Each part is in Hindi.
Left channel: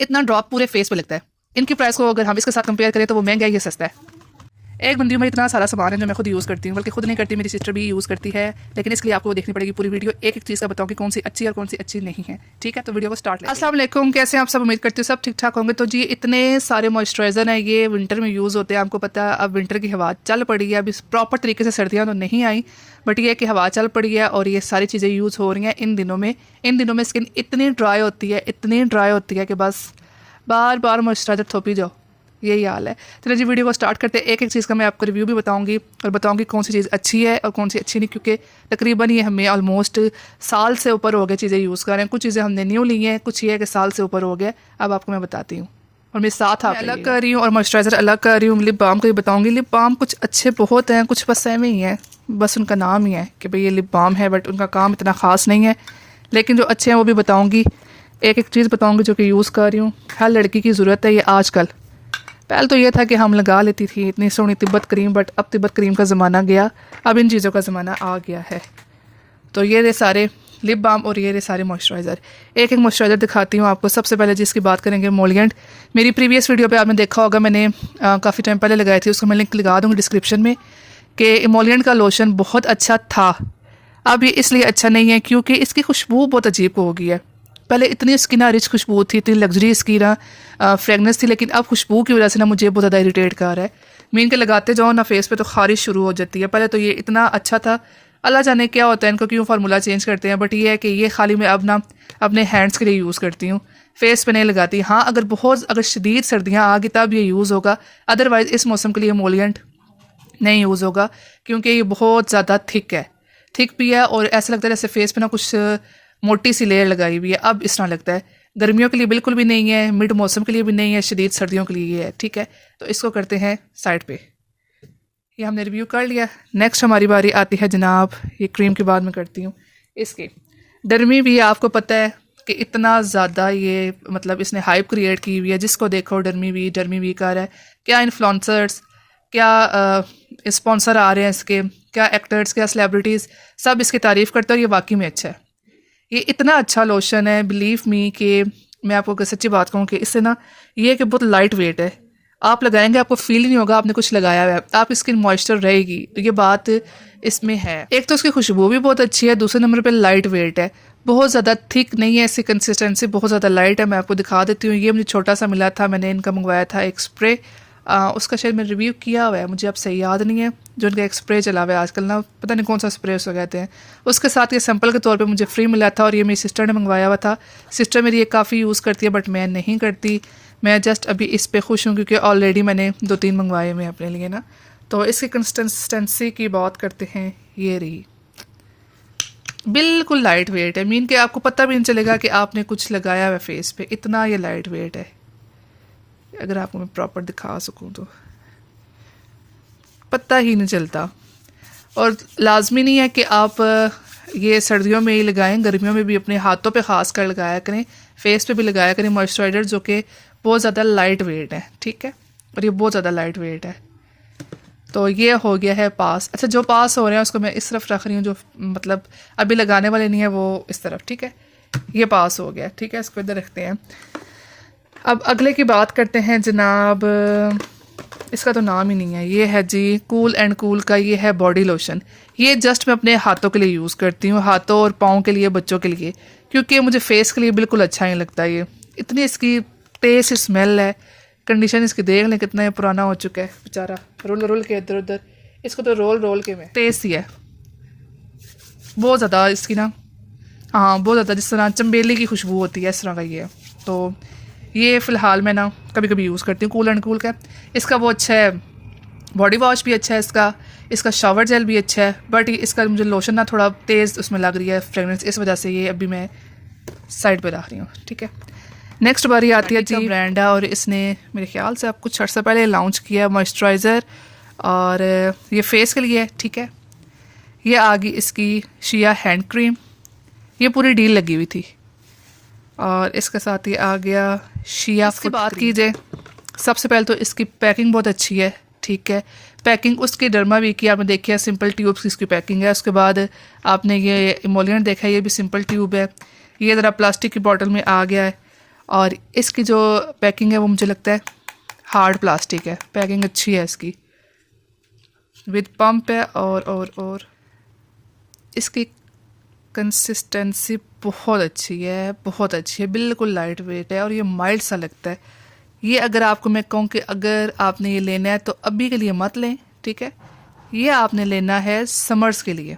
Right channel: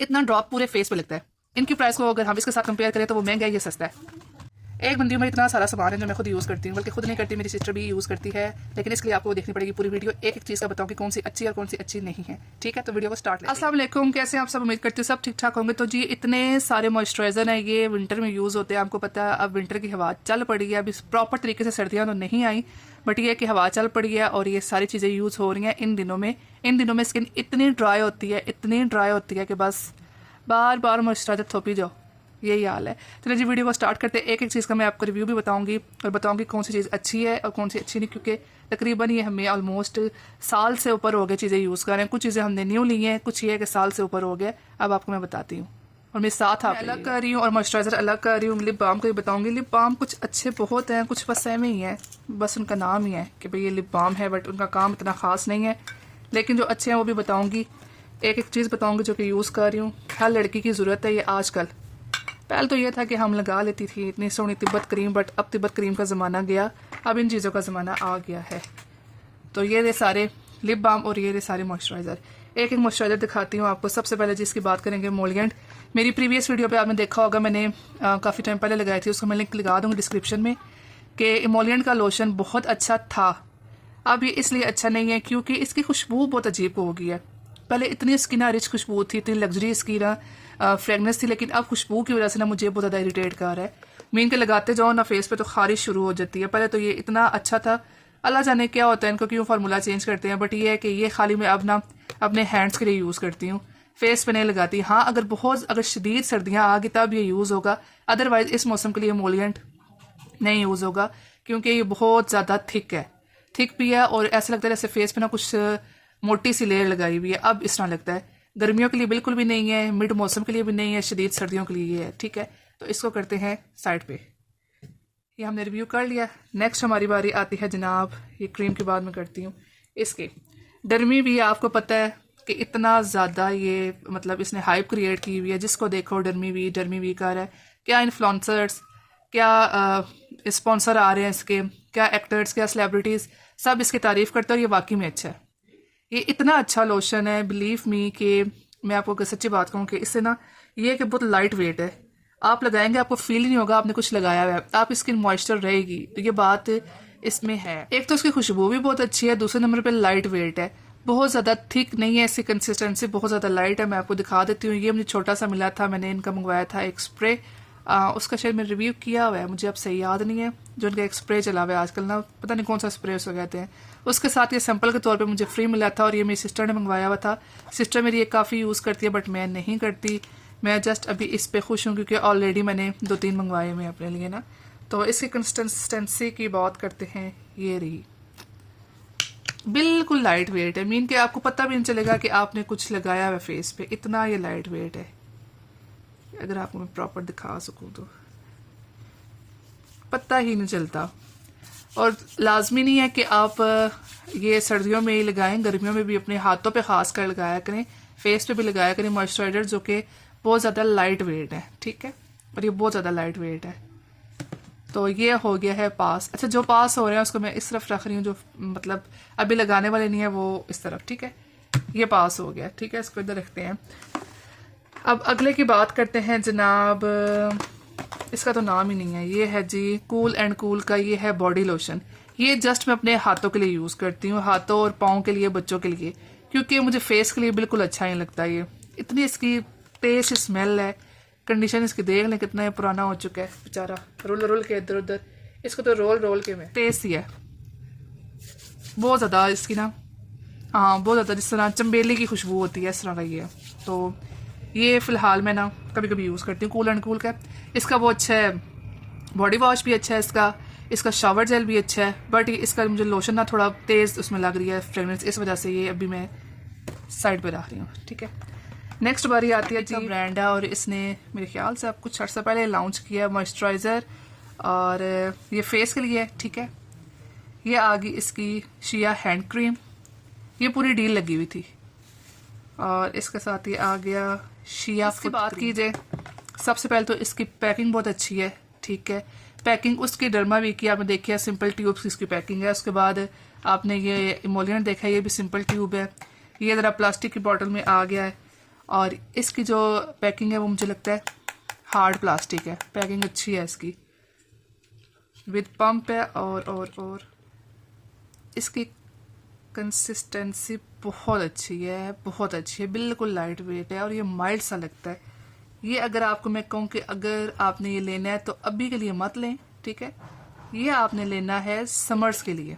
इतना ड्रॉप पूरे फेस पे लगता है। इनकी प्राइस को अगर हम इसके साथ कंपेयर करें तो वो महंगा है, ये सस्ता है। एक बंदी में इतना सारा सामान है जो मैं खुद यूज़ करती हूँ, बल्कि खुद नहीं करती, मेरी सिस्टर भी यूज़ करती है। लेकिन इसके लिए आपको देखनी पड़ेगी पूरी वीडियो, एक एक चीज़ का बताऊँ कि कौन सी अच्छी है और कौन सी अच्छी नहीं है। ठीक है, तो वीडियो को स्टार्ट लें। अस्सलाम वालेकुम, कैसे हैं आप सब? उम्मीद करती हूँ सब ठीक ठाक होंगे। तो जी इतने सारे मॉइस्चराइज़र हैं, ये विंटर में यूज़ होते हैं। आपको पता है अब विंटर की हवा चल पड़ी है, अभी प्रॉपर तरीके से सर्दियाँ तो नहीं आई, बट ये कि हवा चल पड़ी है और ये सारी चीज़ें यूज़ हो रही हैं इन दिनों में। इन दिनों में स्किन इतनी ड्राई होती है, इतनी ड्राई होती है कि बस बार बार मॉइस्चराइज़र थोपी जाओ, यही हाल है। चलिए जी वीडियो को स्टार्ट करते हैं। एक एक चीज़ का मैं आपको रिव्यू भी बताऊंगी और बताऊंगी कौन सी चीज़ अच्छी है और कौन सी अच्छी नहीं, क्योंकि तकरीबन ये हमें ऑलमोस्ट साल से ऊपर हो गए चीज़ें यूज़ कर रहे हैं। कुछ चीज़ें हमने न्यू ली हैं, कुछ ये है कि साल से ऊपर हो गया। अब आपको मैं बताती हूँ और मेरे साथ आप अलग कर रही हूँ और मॉइस्चराइज़र अलग कर रही हूँ। लिप बाम को भी बताऊँगी। लिप बाम कुछ अच्छे बहुत हैं, कुछ बस सेम ही हैं, बस उनका नाम ही है कि भाई ये लिप बाम है, बट उनका काम इतना ख़ास नहीं है। लेकिन जो अच्छे हैं वो भी बताऊँगी। एक एक चीज़ बताऊँगी जो कि यूज़ कर रही हूँ। हर लड़की की ज़रूरत है ये आजकल। पहले तो ये था कि हम लगा लेती थी इतनी सोहनी तिब्बत क्रीम, बट अब तिब्बत क्रीम का ज़माना गया, अब इन चीज़ों का ज़माना आ गया है। तो ये रहे सारे लिप बाम और ये रहे सारे मॉइस्चराइज़र। एक एक मॉइस्चराइज़र दिखाती हूँ आपको। सबसे पहले जिसकी बात करेंगे मोलिएंट। मेरी प्रीवियस वीडियो पे आपने देखा होगा, मैंने काफ़ी टाइम पहले लगाई थी, उसको मैं लिंक लगा दूँगी डिस्क्रिप्शन में, कि मोलिएंट का लोशन बहुत अच्छा था। अब ये इसलिए अच्छा नहीं है क्योंकि इसकी खुशबू बहुत अजीब हो गई है। पहले इतनी इसकी ना रिच खुशबू थी, इतनी लग्जरी इसकी ना फ्रेगनेंस थी, लेकिन अब खुशबू की वजह से ना मुझे बहुत ज़्यादा इरिटेट कर रहा है। मीन के लगाते जाओ ना फेस पे तो खारिश शुरू हो जाती है। पहले तो ये इतना अच्छा था, अल्लाह जाने क्या होता है इनको, क्यों फार्मूला चेंज करते हैं। बट ये है कि ये खाली मैं अब ना अपने हैंड्स के लिए यूज़ करती हूँ, फेस पे नहीं लगाती। हाँ अगर शदीद सर्दियाँ आ गई तब ये यूज़ होगा, अदरवाइज़ इस मौसम के लिए मोलिएंट नहीं यूज़ होगा, क्योंकि ये बहुत ज़्यादा थिक है, थिक भी है और ऐसा लगता है जैसे फेस पे ना कुछ मोटी सी लेयर लगाई हुई है। अब इस तरह लगता है। गर्मियों के लिए बिल्कुल भी नहीं है, मिड मौसम के लिए भी नहीं है, शदीद सर्दियों के लिए ये है। ठीक है, तो इसको करते हैं साइड पे। ये हमने रिव्यू कर लिया। नेक्स्ट हमारी बारी आती है जनाब, ये क्रीम के बाद मैं करती हूँ इसकी डर्मी भी। आपको पता है कि इतना ज़्यादा ये मतलब इसने हाइप क्रिएट की हुई है, जिसको देखो डर्मी वी कर है। क्या इन्फ्लुएंसर्स, क्या स्पॉन्सर आ रहे हैं इसके, क्या एक्टर्स, क्या सेलिब्रिटीज़, सब इसकी तारीफ़ करते हैं और ये वाकई में अच्छा है। ये इतना अच्छा लोशन है, बिलीव मी, कि मैं आपको सच्ची बात कहूँ कि इससे ना ये कि बहुत लाइट वेट है। आप लगाएंगे आपको फील ही नहीं होगा आपने कुछ लगाया हुआ है, आप स्किन मॉइस्चर रहेगी, तो ये बात इसमें है। एक तो उसकी खुशबू भी बहुत अच्छी है, दूसरे नंबर पे लाइट वेट है, बहुत ज़्यादा थिक नहीं है, इसकी कंसिस्टेंसी बहुत ज़्यादा लाइट है। मैं आपको दिखा देती हूँ। ये मुझे छोटा सा मिला था, मैंने इनका मंगवाया था एक स्प्रे, उसका शायद मैंने रिव्यू किया हुआ है, मुझे अब सही याद नहीं है। जो इनका एक स्प्रे चला हुआ है आजकल ना, पता नहीं कौन सा स्प्रे उसको कहते हैं। उसके साथ ये सैंपल के तौर पे मुझे फ्री मिला था और ये मेरी सिस्टर ने मंगवाया हुआ था। सिस्टर मेरी ये काफ़ी यूज़ करती है, बट मैं नहीं करती। मैं जस्ट अभी इस पर खुश हूँ क्योंकि ऑलरेडी मैंने 2-3 मंगवाए हुए अपने लिए ना। तो इसकी कंसिस्टेंसी की बात करते हैं, ये रही, बिल्कुल लाइट वेट है। मीन के आपको पता भी नहीं चलेगा कि आपने कुछ लगाया हुआ फेस पे, इतना ये लाइट वेट है। अगर आपको मैं प्रॉपर दिखा सकूँ तो पता ही नहीं चलता। और लाजमी नहीं है कि आप ये सर्दियों में ही लगाएं, गर्मियों में भी अपने हाथों पे ख़ास कर लगाया करें, फेस पे भी लगाया करें मॉइस्चराइज़र जो कि बहुत ज़्यादा लाइट वेट है। ठीक है, और ये बहुत ज़्यादा लाइट वेट है। तो ये हो गया है पास। अच्छा, जो पास हो रहे हैं उसको मैं इस तरफ रख रही हूँ, जो मतलब अभी लगाने वाले नहीं है वो इस तरफ। ठीक है, ये पास हो गया। ठीक है, इसको इधर रखते हैं। अब अगले की बात करते हैं जनाब, इसका तो नाम ही नहीं है, ये है जी कूल एंड कूल का, ये है बॉडी लोशन। ये जस्ट मैं अपने हाथों के लिए यूज़ करती हूँ, हाथों और पाँव के लिए, बच्चों के लिए, क्योंकि मुझे फेस के लिए बिल्कुल अच्छा नहीं लगता। ये इतनी इसकी तेज स्मेल है, कंडीशन इसकी देख लें कितना पुराना हो चुका है बेचारा, रोल रोल के इधर उधर, इसको तो रोल रोल के में तेज सी है बहुत ज़्यादा इसकी ना। हाँ बहुत ज़्यादा, जिस तरह चम्बेली की खुशबू होती है इस तरह का ये है। तो ये फ़िलहाल मैं ना कभी कभी यूज़ करती हूँ कूल एंड कूल का। इसका वो अच्छा है, बॉडी वॉश भी अच्छा है इसका शावर जेल भी अच्छा है, बट इसका मुझे लोशन ना थोड़ा तेज़ उसमें लग रही है फ्रेगनेंस, इस वजह से ये अभी मैं साइड पे रख रही हूँ। ठीक है, नेक्स्ट बारी आती है जी ब्रांड है, और इसने मेरे ख्याल से आप कुछ अर्सा पहले लॉन्च किया मॉइस्चराइज़र, और ये फेस के लिए है। ठीक है, ये आ गई इसकी शिया हैंड क्रीम, ये पूरी डील लगी हुई थी, और इसके साथ ये आ गया शिया। इसकी बात की जाए, सबसे पहले तो इसकी पैकिंग बहुत अच्छी है। ठीक है, पैकिंग उसकी डर्मा वी की आपने देखी है, सिंपल ट्यूब्स की इसकी पैकिंग है। उसके बाद आपने ये इमोलिएंट देखा है, ये भी सिंपल ट्यूब है, ये ज़रा प्लास्टिक की बॉटल में आ गया है। और इसकी जो पैकिंग है वो मुझे लगता है हार्ड प्लास्टिक है, पैकिंग अच्छी है इसकी, विद पंप है। और इसकी कंसिस्टेंसी बहुत अच्छी है, बहुत अच्छी है, बिल्कुल लाइट वेट है और ये माइल्ड सा लगता है। ये अगर आपको मैं कहूँ कि अगर आपने ये लेना है तो अभी के लिए मत लें, ठीक है। ये आपने लेना है समर्स के लिए,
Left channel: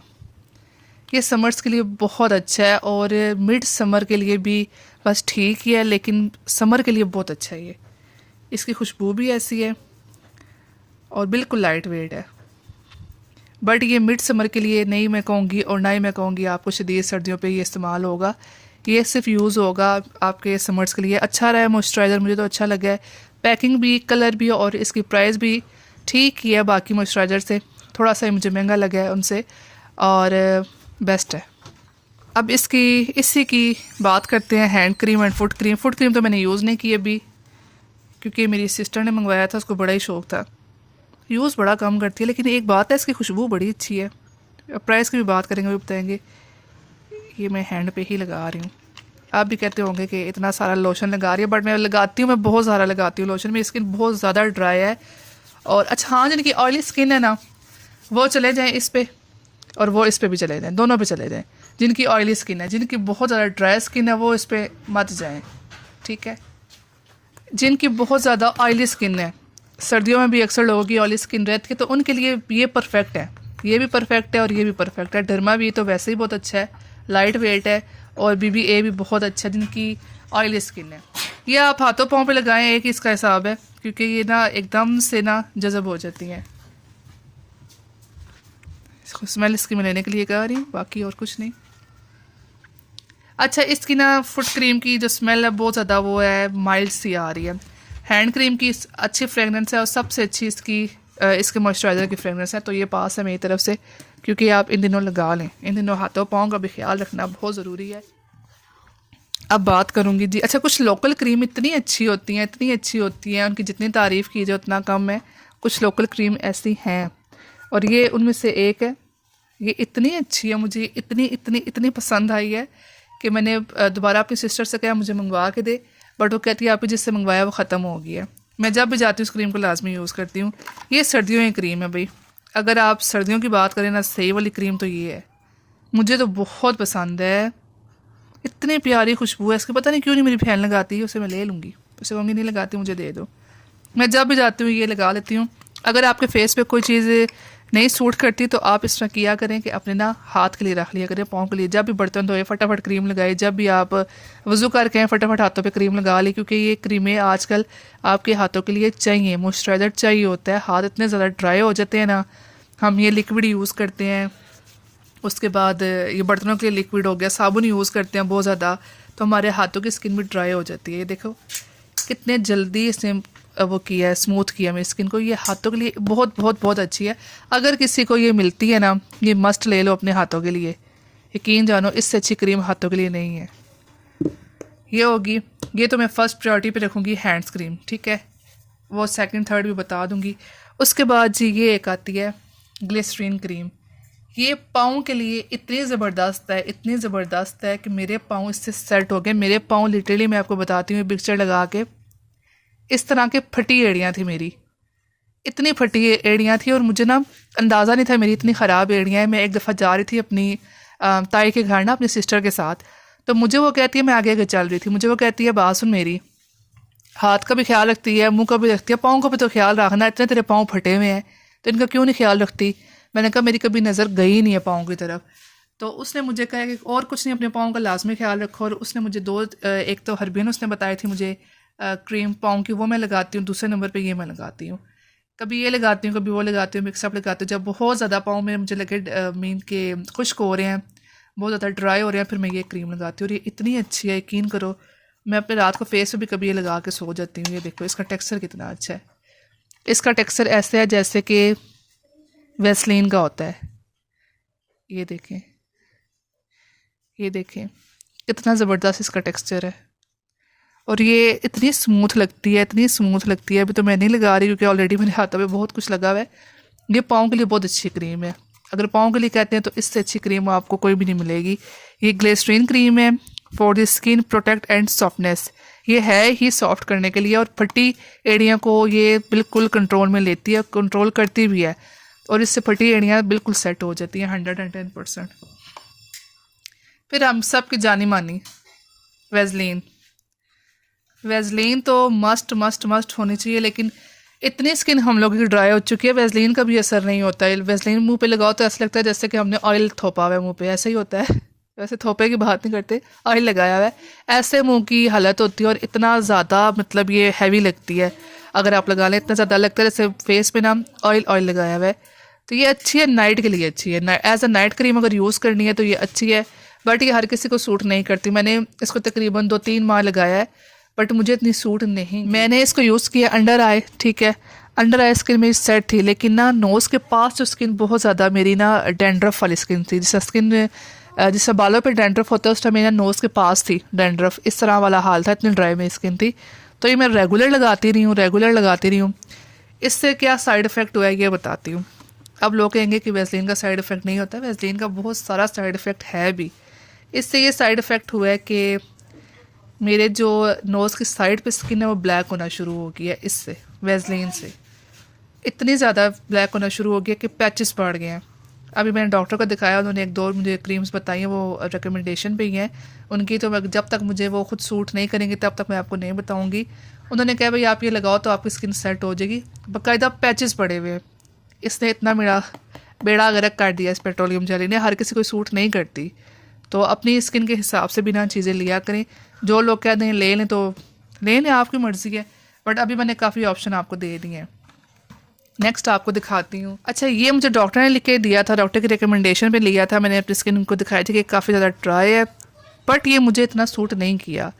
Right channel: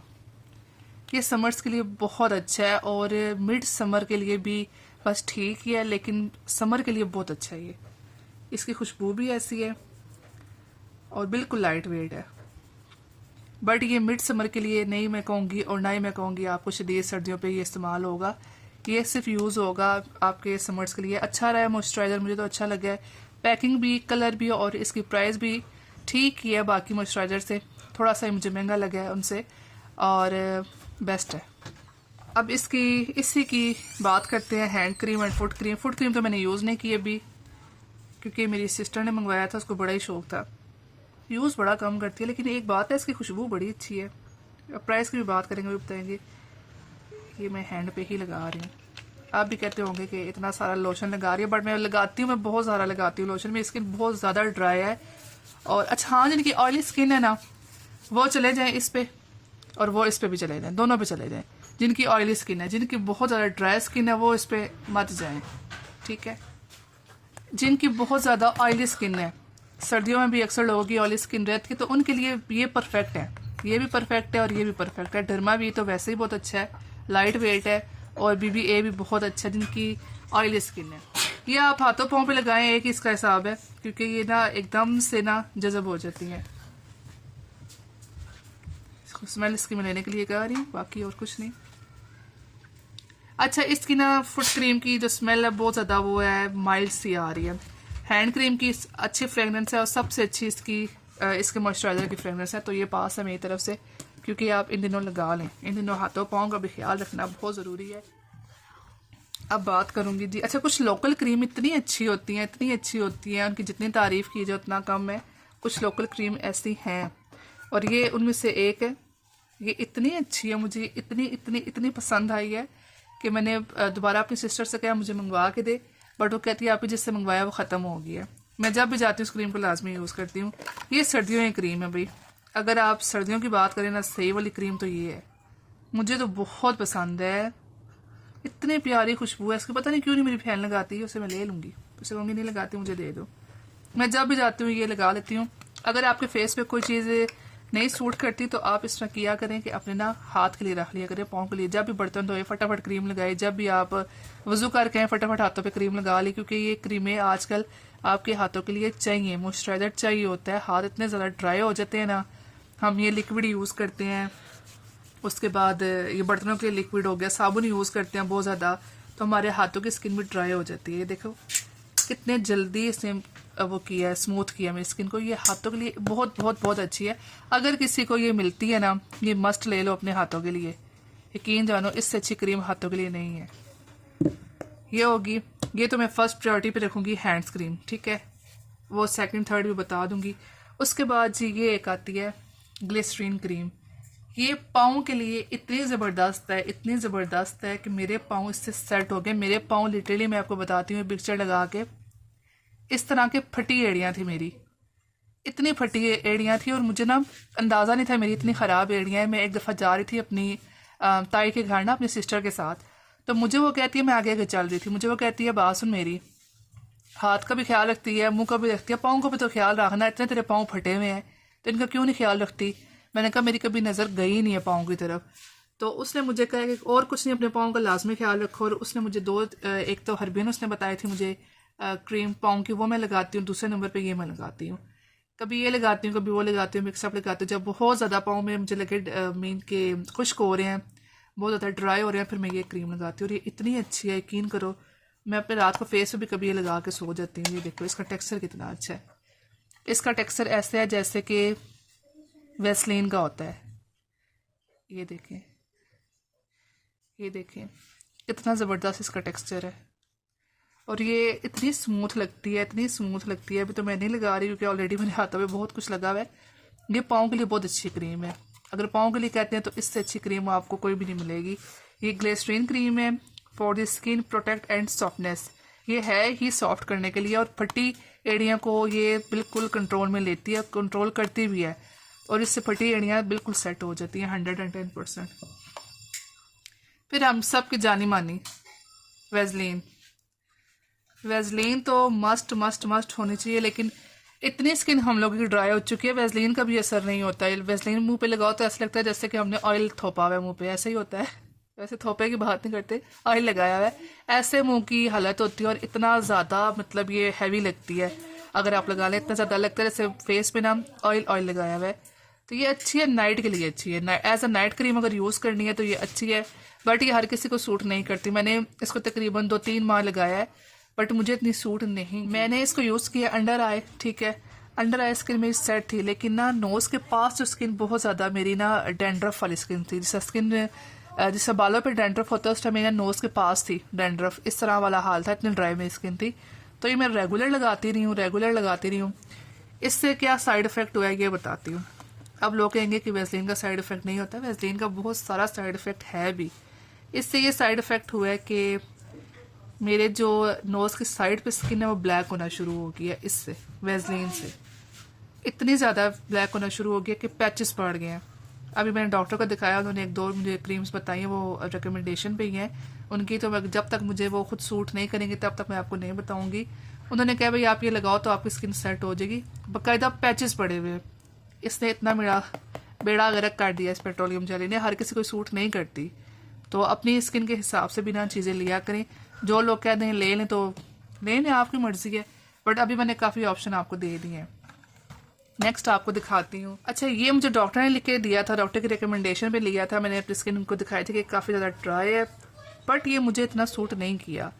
ये समर्स के लिए बहुत अच्छा है और मिड समर के लिए भी बस ठीक ही है, लेकिन समर के लिए बहुत अच्छा है ये। इसकी खुशबू भी ऐसी है और बिल्कुल लाइट वेट है, बट ये मिड समर के लिए नहीं मैं कहूँगी और ना ही मैं कहूँगी आपको शदीद सर्दियों पे ये इस्तेमाल होगा। ये सिर्फ यूज़ होगा आपके समर्स के लिए। अच्छा रहा है मॉइस्चराइज़र, मुझे तो अच्छा लगा है, पैकिंग भी, कलर भी और इसकी प्राइस भी ठीक ही है बाकी मॉइस्चराइज़र से, थोड़ा सा मुझे महंगा लगा है उनसे और बेस्ट है। अब इसी की बात करते हैं hand cream and foot cream. Foot cream तो मैंने यूज़ नहीं की अभी क्योंकि मेरी सिस्टर ने मंगवाया था, उसको बड़ा ही शौक़ था। यूज़ बड़ा कम करती है, लेकिन एक बात है इसकी खुशबू बड़ी अच्छी है। प्राइस की भी बात करेंगे, वो बताएंगे। ये मैं हैंड पे ही लगा रही हूँ। आप भी कहते होंगे कि इतना सारा लोशन लगा रही है, बट मैं लगाती हूँ, मैं बहुत सारा लगाती हूँ लोशन। मेरी स्किन बहुत ज़्यादा ड्राई है और अच्छा हाँ, जिनकी ऑयली स्किन है ना वो चले जाएँ इस पर और वो इस पर भी चले जाएँ, दोनों पे चले जाएँ। जिनकी ऑयली स्किन है, जिनकी बहुत ज़्यादा ड्राई स्किन है वो इस पर मत जाएँ, ठीक है। जिनकी बहुत ज़्यादा ऑयली स्किन है, सर्दियों में भी अक्सर लोगों की ऑयली स्किन रहती है, तो उनके लिए ये परफेक्ट है। ये भी परफेक्ट है और ये भी परफेक्ट है। डर्मा भी तो वैसे ही बहुत अच्छा है, लाइट वेट है और BBA भी बहुत अच्छा है जिनकी ऑयली स्किन है। ये आप हाथों पाँव पे लगाएं, एक ही इसका हिसाब है क्योंकि ये ना एकदम से ना जज़ब हो जाती हैं। स्मेल इसकी मैं लेने के लिए कह रही हूँ, बाकी और कुछ नहीं। अच्छा, इसकी ना फुट क्रीम की जो स्मेल है बहुत ज़्यादा वो है माइल्ड सी आ रही है। हैंड क्रीम की अच्छी फ्रेगनेंस है और सबसे अच्छी इसके मॉइस्चराइज़र की फ्रेगनेंस है। तो ये पास है मेरी तरफ से, क्योंकि आप इन दिनों लगा लें। इन दिनों हाथों पाँव का भी ख्याल रखना बहुत ज़रूरी है। अब बात करूँगी जी, अच्छा कुछ लोकल क्रीम इतनी अच्छी होती हैं, इतनी अच्छी होती हैं, उनकी जितनी तारीफ़ की जाए उतना कम है। कुछ लोकल क्रीम ऐसी हैं और ये उनमें से एक है। ये इतनी अच्छी है, मुझे इतनी इतनी इतनी पसंद आई है कि मैंने दोबारा अपनी सिस्टर से कहा मुझे मंगवा के दे, बट वो कहती है आपने जिससे मंगवाया वो ख़त्म हो गया है। मैं जब भी जाती हूँ उस क्रीम को लाजमी यूज़ करती हूँ। ये सर्दियों की क्रीम है भाई, अगर आप सर्दियों की बात करें ना, सही वाली क्रीम तो ये है। मुझे तो बहुत पसंद है, इतनी प्यारी खुशबू है इसकी। पता नहीं क्यों नहीं मेरी बहन लगाती है, उसे मैं ले लूँगी, उसे कहूँगी नहीं लगाती मुझे दे दो। मैं जब भी जाती हूँ ये लगा लेती हूँ। अगर आपके फेस पे कोई चीज़ नहीं सूट करती तो आप इस तरह किया करें कि अपने ना हाथ के लिए रख लिया करें, पाँव के लिए। जब भी बर्तन धोए फटाफट क्रीम लगाए, जब भी आप वज़ू करके फटाफट हाथों पे क्रीम लगा ली, क्योंकि ये क्रीमें आजकल आपके हाथों के लिए चाहिए, मॉइस्चराइज़र चाहिए होता है। हाथ इतने ज़्यादा ड्राई हो जाते हैं ना, हम ये लिक्विड यूज़ करते हैं, उसके बाद ये बर्तनों के लिए लिक्विड हो गया, साबुन यूज़ करते हैं बहुत ज़्यादा, तो हमारे हाथों की स्किन भी ड्राई हो जाती है। ये देखो कितने जल्दी इसने वो किया है, स्मूथ किया मेरी स्किन को। ये हाथों के लिए बहुत बहुत बहुत अच्छी है। अगर किसी को ये मिलती है ना, ये मस्ट ले लो अपने हाथों के लिए। यकीन जानो इससे अच्छी क्रीम हाथों के लिए नहीं है। ये होगी, ये तो मैं फ़र्स्ट प्रायोरिटी पे रखूँगी हैंड्स क्रीम, ठीक है। वो सेकंड थर्ड भी बता दूँगी। उसके बाद जी ये एक आती है ग्लिसरीन क्रीम। ये पाँव के लिए इतनी ज़बरदस्त है, इतनी ज़बरदस्त है कि मेरे पाँव इससे सेट हो गए। मेरे पाँव लिटरली मैं आपको बताती हूँ पिक्चर लगा के, इस तरह के फटी एड़ियाँ थी मेरी, इतनी फटी एड़ियाँ थी और मुझे ना अंदाज़ा नहीं था मेरी इतनी ख़राब एड़ियाँ हैं। मैं एक दफ़ा जा रही थी अपनी ताई के घर ना अपनी सिस्टर के साथ, तो मुझे वो कहती है, मैं आगे आगे चल रही थी, मुझे वो कहती है बात सुन मेरी, हाथ का भी ख्याल रखती है, मुंह का भी रखती है, पाँव का भी तो ख्याल रखना, इतने तेरे पाँव फटे हुए हैं तो इनका क्यों नहीं ख्याल रखती। मैंने कहा मेरी कभी नज़र गई नहीं है पाँव की तरफ। तो उसने मुझे कहा कि और कुछ नहीं, अपने पाँव का लाजमी ख्याल रखो। और उसने मुझे एक तो हरबीन उसने बताई थी मुझे क्रीम पाँव की, वो मैं लगाती हूँ। दूसरे नंबर पे ये मैं लगाती हूँ, कभी ये लगाती हूँ कभी वो लगाती हूँ, मिक्सअप लगाती हूँ। जब बहुत ज़्यादा पाँव में मुझे लगे मीन के खुश्क हो रहे हैं, बहुत ज़्यादा ड्राई हो रहे हैं, फिर मैं ये क्रीम लगाती हूँ। और ये इतनी अच्छी है, यकीन करो मैं अपने रात को फेस पे भी कभी ये लगा के सो जाती हूँ। ये देखो इसका टेक्सचर कितना अच्छा है। इसका टेक्सचर ऐसे है जैसे कि वैसलीन का होता है। ये देखें, ये देखें कितना ज़बरदस्त इसका टेक्सचर है। और ये इतनी स्मूथ लगती है, इतनी स्मूथ लगती है। अभी तो मैं नहीं लगा रही क्योंकि ऑलरेडी मेरे हाथों पे बहुत कुछ लगा हुआ है। ये पाँव के लिए बहुत अच्छी क्रीम है। अगर पाँव के लिए कहते हैं तो इससे अच्छी क्रीम आपको कोई भी नहीं मिलेगी। ये ग्लिसरीन क्रीम है for the skin protect and softness. ये है ही सॉफ्ट करने के लिए और फटी एड़ियाँ को ये बिल्कुल कंट्रोल में लेती है, कंट्रोल करती भी है और इससे फटी एड़ियाँ बिल्कुल सेट हो जाती हैं 110%। फिर हम सब की जानी मानी वेज़लीन। वेज़लीन तो मस्ट मस्ट मस्ट होनी चाहिए, लेकिन इतनी स्किन हम लोगों की ड्राई हो चुकी है, वेज़लीन का भी असर नहीं होता है। वेज़लीन मुंह पे लगाओ तो ऐसा लगता है जैसे कि हमने ऑयल थोपा हुआ है मुंह पे, ऐसे ही होता है। वैसे थोपे की बात नहीं करते, ऑयल लगाया हुआ है, ऐसे मुंह की हालत होती है और इतना ज़्यादा मतलब ये हैवी लगती है। अगर आप लगा लें इतना ज़्यादा लगता है जैसे फेस पे ना ऑयल लगाया हुआ है। तो ये अच्छी है, नाइट के लिए अच्छी है, एज अ नाइट क्रीम अगर यूज़ करनी है तो ये अच्छी है, बट ये हर किसी को सूट नहीं करती। मैंने इसको तकरीबन 2-3 माह लगाया है बट मुझे इतनी सूट नहीं। मैंने इसको यूज़ किया अंडर आई, ठीक है, अंडर आई स्किन मेरी सेट थी, लेकिन ना नोज़ के पास जो स्किन बहुत ज़्यादा मेरी ना डैंड्रफ वाली स्किन थी, जिससे बालों पे डैंड्रफ होता है उस टाइम मेरा नोज़ के पास थी डैंड्रफ, इस तरह वाला हाल था, इतनी ड्राई मेरी स्किन थी। तो ये मैं रेगुलर लगाती रही हूँ। इससे क्या साइड इफ़ेक्ट हुआ है ये बताती हूँ। अब लोग कहेंगे कि वेज़लीन का साइड इफ़ेक्ट नहीं होता, वेज़लीन का बहुत सारा साइड इफ़ेक्ट है भी। इससे ये साइड इफ़ेक्ट हुआ है कि मेरे जो नोज़ की साइड पे स्किन है वो ब्लैक होना शुरू हो गया है, इससे वेज़लीन से इतनी ज़्यादा ब्लैक होना शुरू हो गया कि पैचेस पड़ गए हैं। अभी मैंने डॉक्टर को दिखाया, उन्होंने 1-2 मुझे क्रीम्स बताई हैं, वो रिकमेंडेशन पे ही हैं उनकी, तो जब तक मुझे वो खुद सूट नहीं करेंगी तब तक मैं आपको नहीं बताऊंगी। उन्होंने कहा भाई आप ये लगाओ तो आपकी स्किन सेट हो जाएगी, बाकायदा पैचेस पड़े हुए हैं। इसने इतना मेरा बेड़ा गर्क कर दिया इस पेट्रोलियम जेली ने, हर किसी को सूट नहीं करती। तो अपनी स्किन के हिसाब से बिना चीज़ें लिया करें। जो लोग कहते हैं ले लें तो ले लें, आपकी मर्ज़ी है, बट अभी मैंने काफ़ी ऑप्शन आपको दे दिए हैं। नेक्स्ट आपको दिखाती हूँ। अच्छा, ये मुझे डॉक्टर ने लिख के दिया था, डॉक्टर की रिकमेंडेशन पे लिया था मैंने, अपनी स्किन उनको दिखाई थी कि काफ़ी ज़्यादा ड्राई है, बट ये मुझे इतना सूट नहीं किया।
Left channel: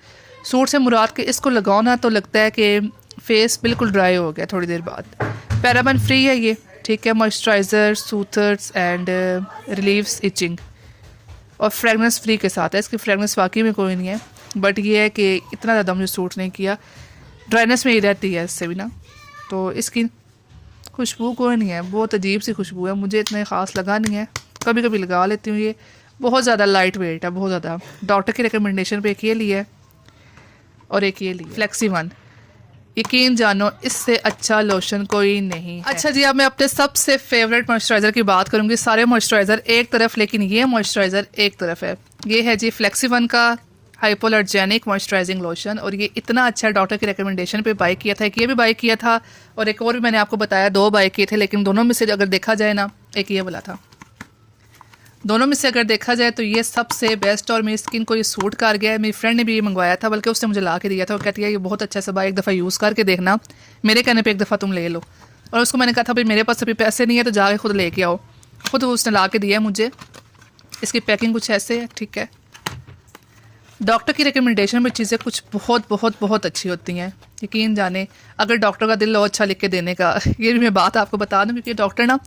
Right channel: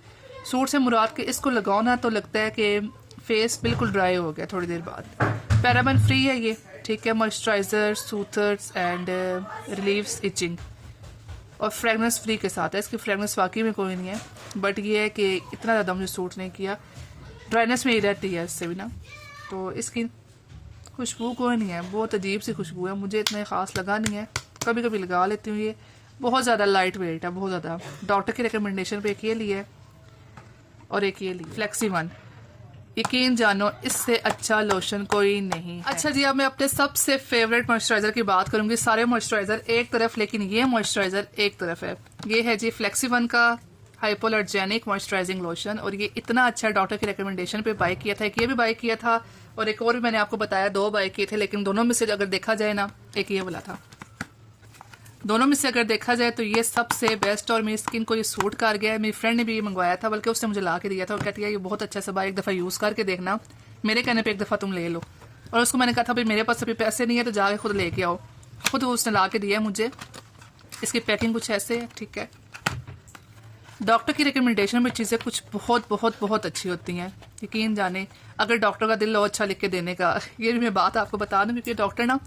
सूट से मुराद के इसको लगाओ ना तो लगता है कि फेस बिल्कुल ड्राई हो गया थोड़ी देर बाद। पैराबेन फ्री है ये, ठीक है, मॉइस्चराइज़र, सूथर्स एंड रिलीव्स इचिंग, और फ्रेगनेंस फ्री के साथ है। इसकी फ्रेगनेंस वाकई में कोई नहीं है, बट ये है कि इतना ज़्यादा मुझे सूट नहीं किया, ड्राइनेस में ही रहती है इससे भी ना। तो इसकी खुशबू कोई नहीं है, बहुत अजीब सी खुशबू है, मुझे इतना ख़ास लगा नहीं है, कभी कभी लगा लेती हूँ। ये बहुत ज़्यादा लाइट वेट है, बहुत ज़्यादा। डॉक्टर की रिकमेंडेशन पे एक ये लिया है और एक ये लिया फ्लेक्सी वन। यकीन जानो इससे अच्छा लोशन कोई नहीं है। अच्छा जी, अब मैं अपने सबसे फेवरेट मॉइस्चराइज़र की बात करूँगी। सारे मॉइस्चराइज़र एक तरफ, लेकिन ये मॉइस्चराइज़र एक तरफ है। ये है जी फ्लेक्सी वन का हाइपोअलर्जेनिक मॉइस्चराइजिंग लोशन, और ये इतना अच्छा है, डॉक्टर की रिकमेंडेशन पे बाय किया था। एक ये भी बाय किया था और एक और भी मैंने आपको बताया, 2 बाय किए थे, लेकिन दोनों में से अगर देखा जाए ना, एक ये वाला था, दोनों में से अगर देखा जाए तो ये सबसे बेस्ट और मेरी स्किन को ये सूट कर गया है। मेरी फ्रेंड ने भी ये मंगवाया था, बल्कि उसने मुझे ला के दिया था, वो कहती है ये बहुत अच्छा सब, एक दफ़ा यूज़ करके देखना, मेरे कहने पे एक दफ़ा तुम ले लो। और उसको मैंने कहा था भाई मेरे पास अभी पैसे नहीं है तो जाके खुद लेके आओ, खुद उसने ला के दिया मुझे। इसकी पैकिंग कुछ ऐसे है, ठीक है। डॉक्टर की रिकमेंडेशन में चीज़ें कुछ बहुत बहुत बहुत अच्छी होती हैं, यकीन जाने, अगर डॉक्टर का दिल हो अच्छा लिख के देने का। ये भी मैं बात आपको बता दूं, क्योंकि डॉक्टर ना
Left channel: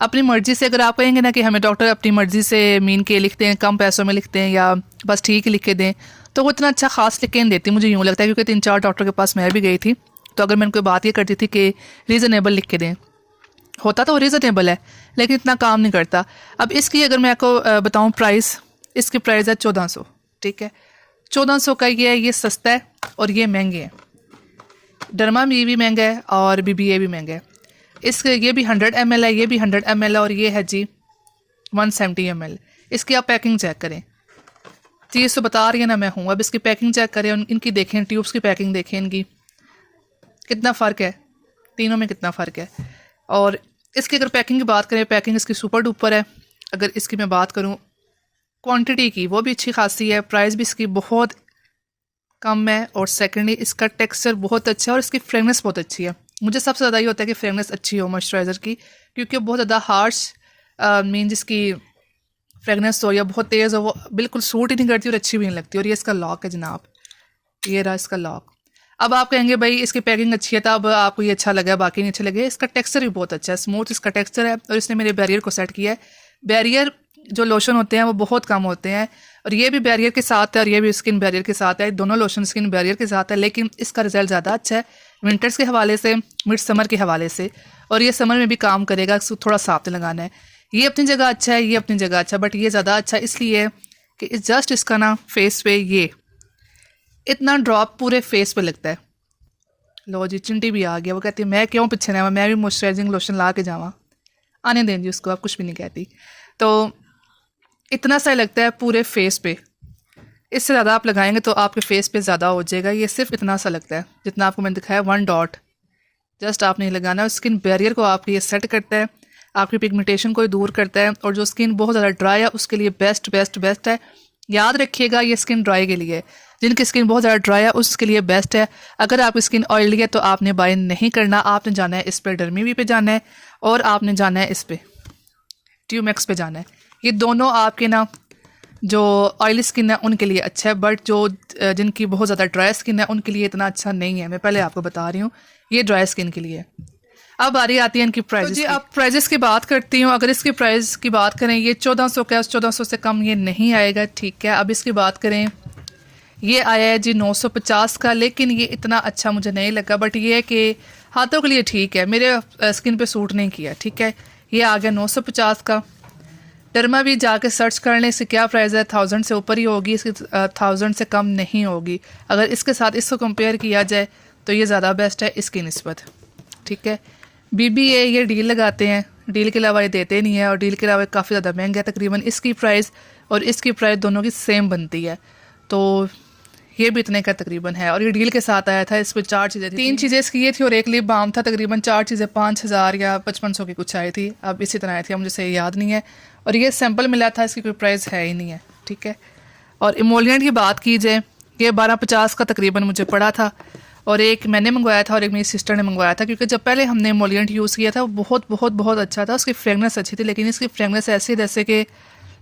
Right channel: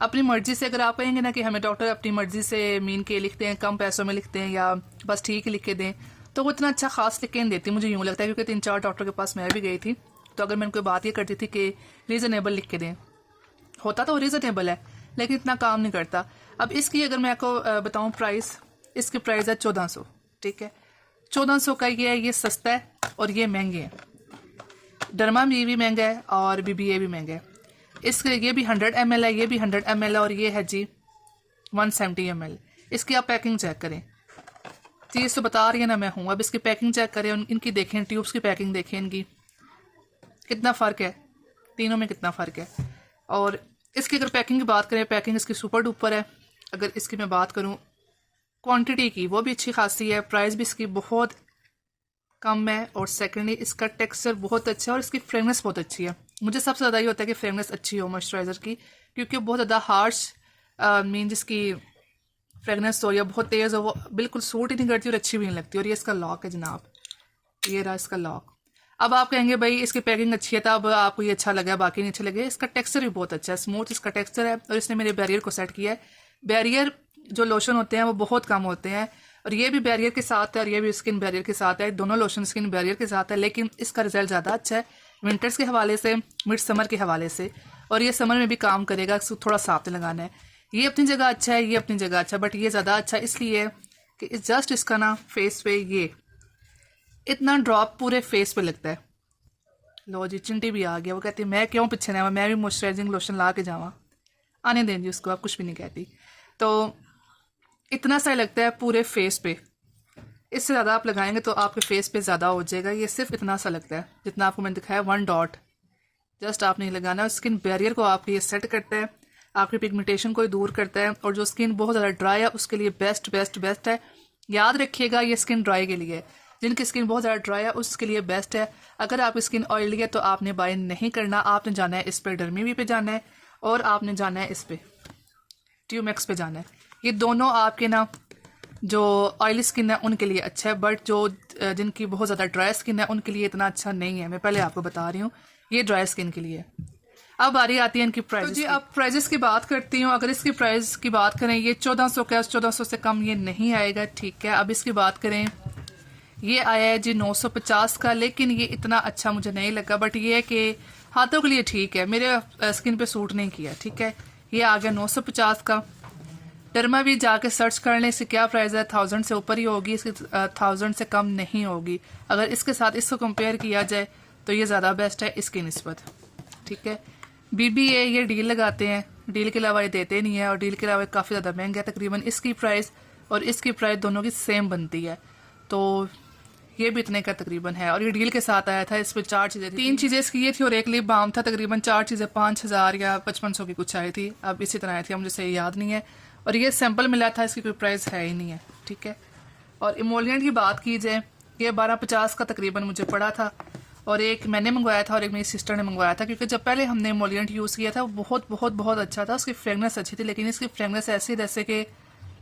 अपनी मर्ज़ी से, अगर आप कहेंगे ना कि हमें डॉक्टर अपनी मर्ज़ी से मीन के लिखते हैं, कम पैसों में लिखते हैं या बस ठीक ही लिख के दें, तो वो इतना अच्छा खास लिख के नहीं देती, मुझे यूँ लगता है। क्योंकि 3-4 डॉक्टर के पास मैं भी गई थी, तो अगर मैं उनको बात ये करती थी कि रीज़नेबल लिख के दें, होता तो वो रीज़नेबल है लेकिन इतना काम नहीं करता। अब इसकी अगर मैं आपको बताऊँ प्राइस, इसकी प्राइस है 1400, ठीक है, 1400 का ये है। ये सस्ता है और ये महंगे हैं। डर्मा भी महंगा है और BBA भी महंगा है। इसके ये भी 100 ml है, ये भी 100 ml है, और ये है जी 170 ml। इसकी आप पैकिंग चेक करें, चीज़ तो बता रही है ना मैं हूँ, अब इसकी पैकिंग चेक करें, इनकी देखें, ट्यूब्स की पैकिंग देखें, इनकी कितना फ़र्क है, तीनों में कितना फ़र्क है। और इसकी अगर पैकिंग की बात करें, पैकिंग इसकी सुपर डुपर है। अगर इसकी मैं बात करूँ क्वांटिटी की, वो भी अच्छी खासी है, प्राइस भी इसकी बहुत कम है, और सेकेंडली इसका टेक्सचर बहुत अच्छा है और इसकी फ्रेगनेंस बहुत अच्छी है। मुझे सबसे ज़्यादा ये होता है कि फ्रेगनेंस अच्छी हो मॉइस्चराइज़र की, क्योंकि बहुत ज़्यादा हार्श मीन जिसकी फ्रेगनेंस हो या बहुत तेज़ हो, वो बिल्कुल सूट ही नहीं करती और अच्छी भी नहीं लगती। और ये इसका लॉक है जनाब, ये रहा इसका लॉक। अब आप कहेंगे भाई इसकी पैकिंग अच्छी है, तब आपको ये अच्छा लगा, बाकी नहीं अच्छा लगे। इसका टेक्सचर भी बहुत अच्छा है, स्मूथ इसका टेक्सचर है, और इसने मेरे बैरियर को सेट किया है। बैरियर जो लोशन होते हैं वो बहुत कम होते हैं, और ये भी बैरियर के साथ है और ये भी स्किन बैरियर के साथ है, दोनों लोशन स्किन बैरियर के साथ है, लेकिन इसका रिजल्ट ज़्यादा अच्छा है विंटर्स के हवाले से, मिड समर के हवाले से, और ये समर में भी काम करेगा, थोड़ा साफ लगाना है। ये अपनी जगह अच्छा है, ये अपनी जगह अच्छा, बट ये ज़्यादा अच्छा इसलिए कि जस्ट इसका ना फेस पे इतना ड्रॉप पूरे फेस पे लगता है। लो जी, चिंटी भी आ गया। वो कहती है मैं क्यों पीछे रहा, मैं भी मॉइस्चराइजिंग लोशन ला के जावा। आने दें जी उसको, आप कुछ भी नहीं कहती। तो इतना सा लगता है पूरे फेस पे। इससे ज़्यादा आप लगाएंगे तो आपके फेस पे ज़्यादा हो जाएगा। ये सिर्फ इतना सा लगता है जितना आपको मैंने दिखाया, 1 डॉट। जस्ट आपने लगाना है। स्किन बैरियर को आपके ये सेट करता है, आपकी पिगमेंटेशन को दूर करता है। और जो स्किन बहुत ज़्यादा ड्राई है उसके लिए बेस्ट बेस्ट बेस्ट है। याद रखिएगा ये स्किन ड्राई के लिए, जिनकी स्किन बहुत ज़्यादा ड्राई है उसके लिए बेस्ट है। अगर आपकी स्किन ऑयली है तो आपने बाय नहीं करना, आपने जाना है इस पर डर्मीवी पे जाना है और आपने जाना है इस पे ट्यूमेक्स पे जाना है। ये दोनों आपके ना जो ऑयली स्किन है उनके लिए अच्छा है, बट जो जिनकी बहुत ज़्यादा ड्राई स्किन है उनके लिए इतना अच्छा नहीं है। मैं पहले आपको बता रही हूँ, ये ड्राई स्किन के लिए। अब बारी आती है इनकी प्राइस। तो जी आप प्राइजेस की बात करती हूँ। अगर इसकी प्राइस की बात करें, ये 1400 का, 1400 से कम ये नहीं आएगा, ठीक है। अब इसकी बात करें, ये आया है जी 950 का, लेकिन ये इतना अच्छा मुझे नहीं लगा। बट ये है कि हाथों के लिए ठीक है, मेरे स्किन पे सूट नहीं किया, ठीक है। ये आ गया 950 का। डर्मा भी जाके सर्च कर लें इसकी क्या प्राइस है, 1000 से ऊपर ही होगी, इसकी 1000 से कम नहीं होगी। अगर इसके साथ इसको कंपेयर किया जाए तो ये ज़्यादा बेस्ट है इसकी निस्बत, ठीक है। BBA ये डील लगाते हैं, डील के अलावा ये देते नहीं है, और डील के अलावा काफ़ी ज़्यादा महंगा है। तकरीबन इसकी प्राइस और इसकी प्राइस दोनों की सेम बनती है, तो ये भी इतने का तकरीबन है। और ये डील के साथ आया था, इस पर 4 चीज़ें थी, 3 चीज़ें इसकी ये थी और एक लिप बाम था। तकरीबन 4 चीज़ें 5000 या 5500 की कुछ आई थी, अब इसी तरह आई थी, मुझे सही याद नहीं है। और ये सैम्पल मिला था, इसकी कोई प्राइस है ही नहीं है, ठीक है। और इमोलियंट की बात की जाए, ये 1250 का तकरीबन मुझे पड़ा था, और एक मैंने मंगवाया था और एक मेरी सिस्टर ने मंगवाया था। क्योंकि जब पहले हमने इमोलियंट यूज़ किया था वो बहुत बहुत बहुत अच्छा था, उसकी फ्रेगनेंस अच्छी थी। लेकिन इसकी फ्रेगनेंस ऐसी जैसे कि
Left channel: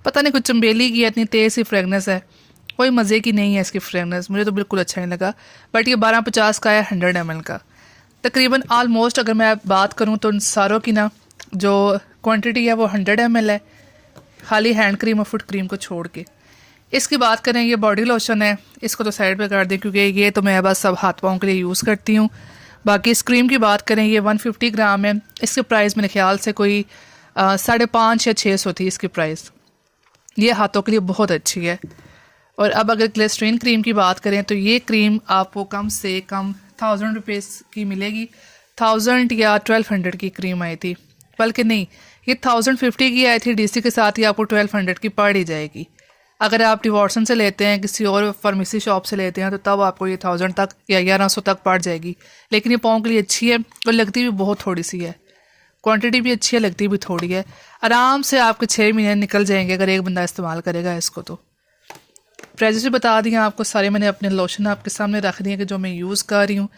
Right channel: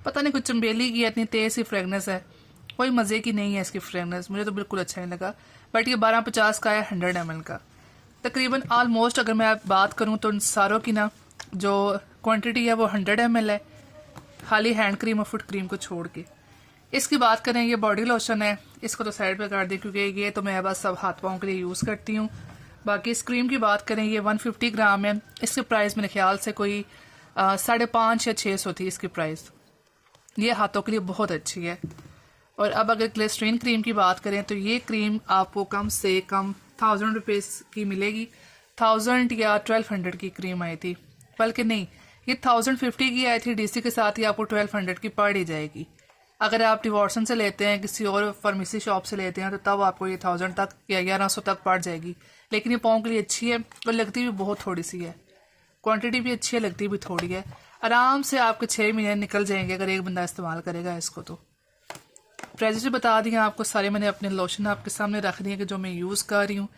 पता नहीं कुछ चंबेली की इतनी तेज़ सी फ्रेगनेंस है, कोई मज़े की नहीं है इसकी फ्रेगनेंस, मुझे तो बिल्कुल अच्छा नहीं लगा। बट ये 1250 का है, 100 ml का तकरीबन। ऑलमोस्ट अगर मैं बात करूँ तो इन सारों की ना जो क्वांटिटी है वो 100 ml है, खाली हैंड क्रीम और फुट क्रीम को छोड़ के। इसकी बात करें, ये बॉडी लोशन है, इसको तो साइड पे कर दें क्योंकि ये तो मैं बस सब हाथ पाँव के लिए यूज़ करती हूँ। बाकी इस क्रीम की बात करें, ये 150 ग्राम है। इसके प्राइस मेरे ख्याल से कोई 550 या 600 थी इसकी प्राइस। ये हाथों के लिए बहुत अच्छी है। और अब अगर ग्लिसरीन क्रीम की बात करें तो ये क्रीम आपको कम से कम 1000 रुपीज़ की मिलेगी। 1000 या 1200 की क्रीम आई थी, बल्कि नहीं, ये 1050 की आई थी। DC के साथ ही आपको 1200 की पड़ ही जाएगी। अगर आप डिवॉर्सन से लेते हैं, किसी और फार्मेसी शॉप से लेते हैं, तो तब आपको ये 1000 तक या 1100 तक पड़ जाएगी। लेकिन ये पाँव के लिए अच्छी है और लगती भी बहुत थोड़ी सी है, क्वांटिटी भी अच्छी है, लगती भी थोड़ी है। आराम से आपके 6 महीने निकल जाएंगे अगर एक बंदा इस्तेमाल करेगा इसको। तो प्राइजेस भी बता दिए आपको सारे, मैंने अपने लोशन आपके सामने रख दिए कि जो मैं यूज़ कर रही हूँ।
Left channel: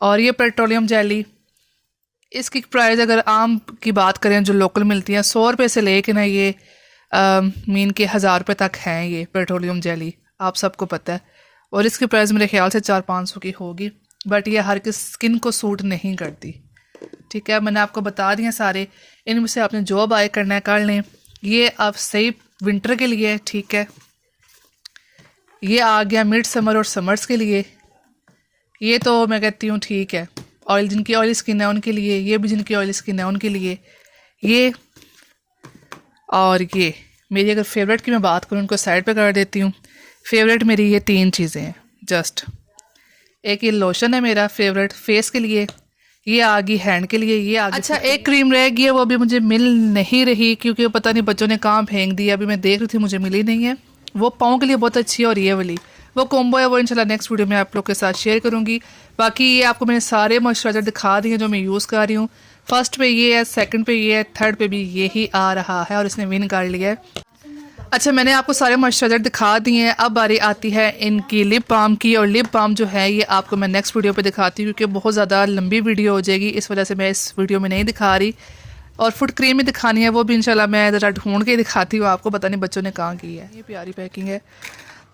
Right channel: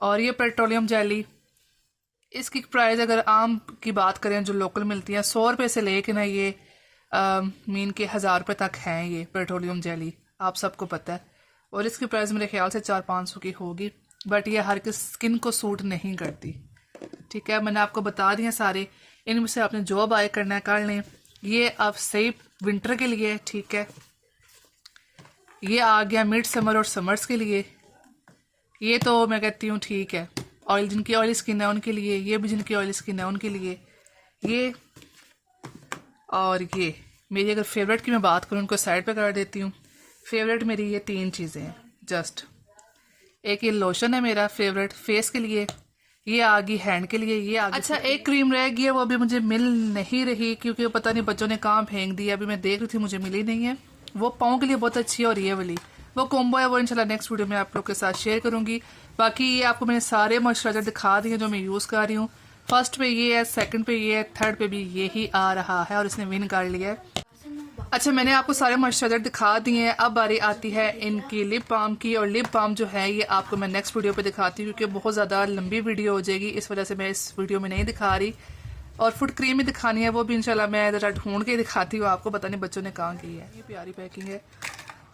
और ये पेट्रोलियम जेली, इसकी प्राइस अगर आम की बात करें जो लोकल मिलती है 100 रुपये से लेके ना ये मीन के 1000 रुपये तक हैं ये पेट्रोलियम जेली, आप सबको पता है। और इसकी प्राइस मेरे ख्याल से 400-500 की होगी। बट ये हर किस स्किन को सूट नहीं करती, ठीक है। मैंने आपको बता दिए सारे, इनमें से आपने जो बाय करना है कर लें। ये आप सही विंटर के लिए, ठीक है। ये आ गया मिड समर और समर्स के लिए। ये तो मैं कहती हूँ ठीक है, ऑयल जिनकी ऑयली स्किन है उनके लिए, ये भी जिनकी ऑयली स्किन है उनके लिए। ये और ये मेरी अगर फेवरेट की मैं बात करूँ, उनको साइड पे कर देती हूँ। फेवरेट मेरी ये 3 चीज़ें हैं जस्ट। एक ये लोशन है मेरा फेवरेट फेस के लिए, ये आ गई हैंड के लिए, ये आ गई। अच्छा, एक क्रीम रह गई है, वो अभी मुझे मिल नहीं रही क्योंकि पता नहीं बच्चों ने कहाँ फेंक दिया। अभी मैं देख रही थी, मुझे मिली नहीं है। वो पाँव के लिए बहुत अच्छी है। और ये वाली वो कॉम्बो है, वो इंशाल्लाह नेक्स्ट वीडियो में आप लोग के साथ शेयर करूँगी। बाकी ये आपको मैंने सारे मॉइस्चराइजर दिखा दिए जो मैं यूज़ कर रही हूँ। फर्स्ट पे ये है, सेकंड पे ये है, थर्ड पे भी यही आ रहा है और इसने विन कर लिया है। अच्छा, मैंने आपको सारे मॉइस्चराइजर दिखा दिए हैं। अब बारी आती है इनकी लिप बाम की। और लिप बाम जो है ये आपको मैं नेक्स्ट वीडियो पे दिखाती हूँ क्योंकि बहुत ज़्यादा लंबी वीडियो हो जाएगी, इस वजह से मैं इस वीडियो में नहीं दिखा रही। और फुट क्रीम भी दिखानी है, वो भी इंशाल्लाह मैं ज़रा ढूंढ के दिखाती हूँ आपको। पता नहीं बच्चों ने कहाँ की है। ये प्यारी पैकिंग है।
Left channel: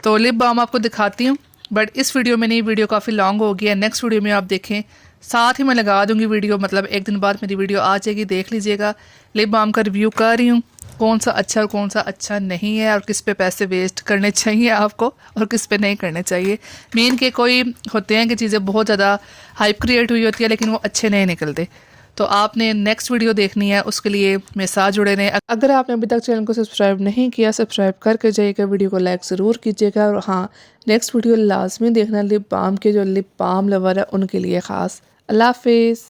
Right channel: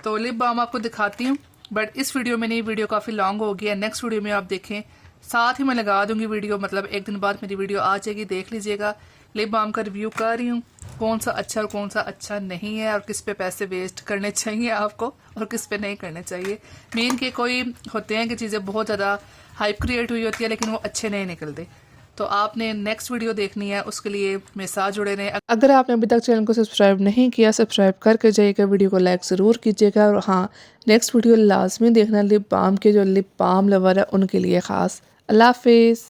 तो लिप बाम आपको दिखाती हूँ, बट इस वीडियो में नहीं, वीडियो काफ़ी लॉन्ग हो गई है। नेक्स्ट वीडियो में आप देखें, साथ ही मैं लगा दूंगी वीडियो, मतलब एक दिन बाद मेरी वीडियो आ जाएगी, देख लीजिएगा। लिप बाम का रिव्यू कर रही हूँ, कौन सा अच्छा और कौन सा अच्छा नहीं है, और किस पे पैसे वेस्ट करने चाहिए आपको और किस पे नहीं करने चाहिए। मेन के कोई होते हैं कि चीज़ें बहुत ज़्यादा हाइप क्रिएट हुई होती है लेकिन वो अच्छे नहीं निकलते। तो आपने नेक्स्ट वीडियो देखनी है, उसके लिए मेरे साथ जुड़े रहें। अगर आपने अभी तक चैनल को सब्सक्राइब नहीं किया, सब्सक्राइब करके जाइएगा, वीडियो को लाइक ज़रूर कीजिएगा। और हाँ, नेक्स्ट वीडियो लाजमी देखना लिप बाम के जो लिप बाम लवर है उनके लिए ख़ास। अल्लाह हाफिज़।